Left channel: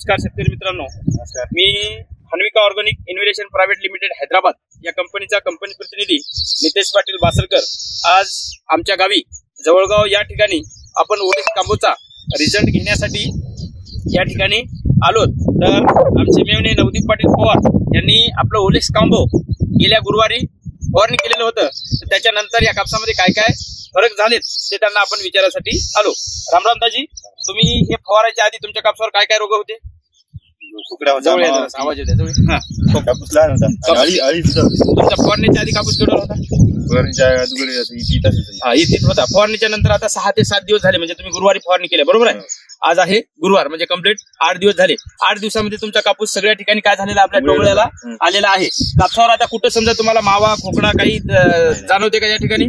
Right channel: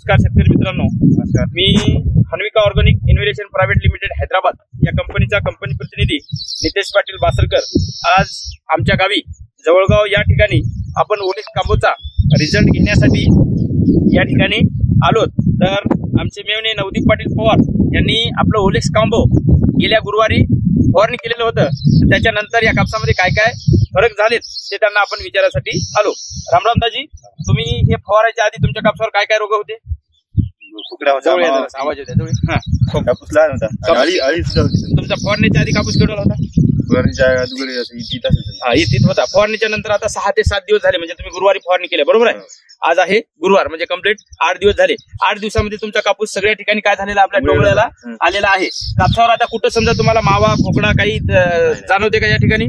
नमस्कार शेतकरी मित्रांनो, नमस्कार. मी Hanvika organic investment private limited Hyderabad या कंपनीचा कंपनी प्रतिनिधी नितेश पाटील बासरकर आज आमच्या गावी जवळगाव या ठिकाणी आपण ओलेक्स कांबोचा रिझल्ट घेण्यासाठी या ठिकाणी आलो. तर आमचे मेवणे नवदीप पाटील पवार यांनी आपलं ओलेक्स कांबो गेल्या गुरुवारी फवारणी केलेलं होतं. त्याच्यानंतर या कापसामध्ये काय काय फरक झालेत ते त्यांना आपण विचारासाठी आलो. रामराम दाजी, तुम्ही हे फवारायच्या आधी तुमच्या कापसावर काय काय रोग होते? आवाज येते कापूस लहान होता. तुमचा फवारणीच्या आधी कापूस केवढा होता? इथेच होता. फवारणीच्या नंतर आता 6 ते 7 दिवस झाले, म्हणजे तुम्ही गुरुवारी फवारणी केली बरोबर आहे. आज आहे गुरुवार, म्हणजे कंप्लीट 8 दिवस झाले. 8 दिवसामध्ये तुमचा कापूस सगळ्या ठिकाणी काय झालेला आपल्या डोंगळ्याला आलेला आहे. कापसावर आता कुठं समजा तुम्हाला मावा खोकणा काही जाणवते का या ठिकाणी?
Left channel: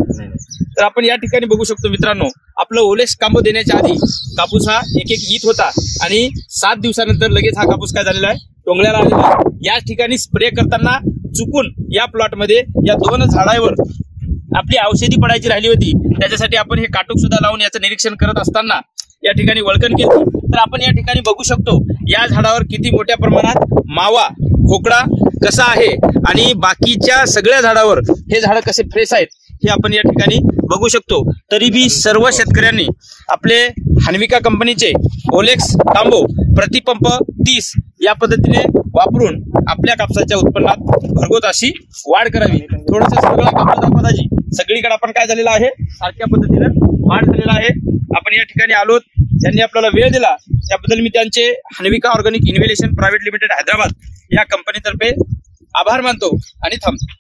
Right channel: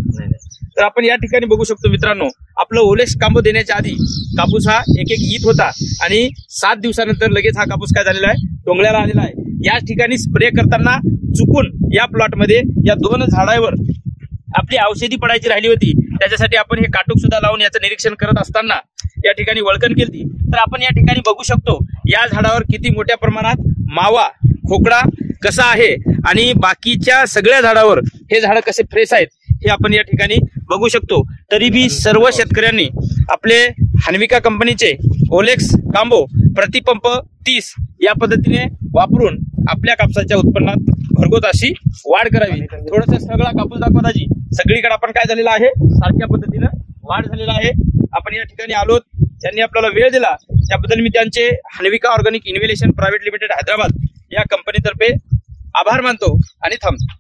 तर आपण या ठिकाणी बघू शकतो मित्रांनो, आपलं ओलेक्स कांबो देण्याच्या आधी कापूस हा एक ईत होता आणि 7 दिवसानंतर लगेच हा कापूस काय झालेला आहे, डोंगळ्याला आलेला आहे. या ठिकाणी स्प्रे करताना चुकून या प्लॉटमध्ये या 2 झाडावर आपली औषधी पडायची राहिली होती. त्याच्यासाठी आपण हे काटूक सुद्धा लावून याचं निरीक्षण करत असताना या ठिकाणी वळकण केली. तर आपण या ठिकाणी बघू शकतो या झाडावर किती मोठ्या प्रमाणात मावा खोकडा कसा आहे आणि बाकीच्या सगळ्या झाडावर हे झाड कसे फ्रेश आहेत हे आपण या ठिकाणी बघू शकतो. तरी बी सर्व शेतकऱ्यांनी आपले हन्विका कंपनीचे ओलेक्स कांबो प्रतिपंप 30 या पद्धतीने वापरून आपल्या कापसाच्या उत्पन्नात भरघोस अशी वाढ करावी. थोडस सगळा कापूस दाखवा दाजी. सगळीकडे आपण काय झालेलं आहे, सारख्या पद्धतीने वाढ झालेला आहे. आपण या ठिकाणी आलो, त्यांनी आपल्याला वेळ दिला त्याबद्दल मी त्यांचे Hanvika organic investment private limited Hyderabad या कंपनीतर्फे आभार मानतो आणि थांबतो.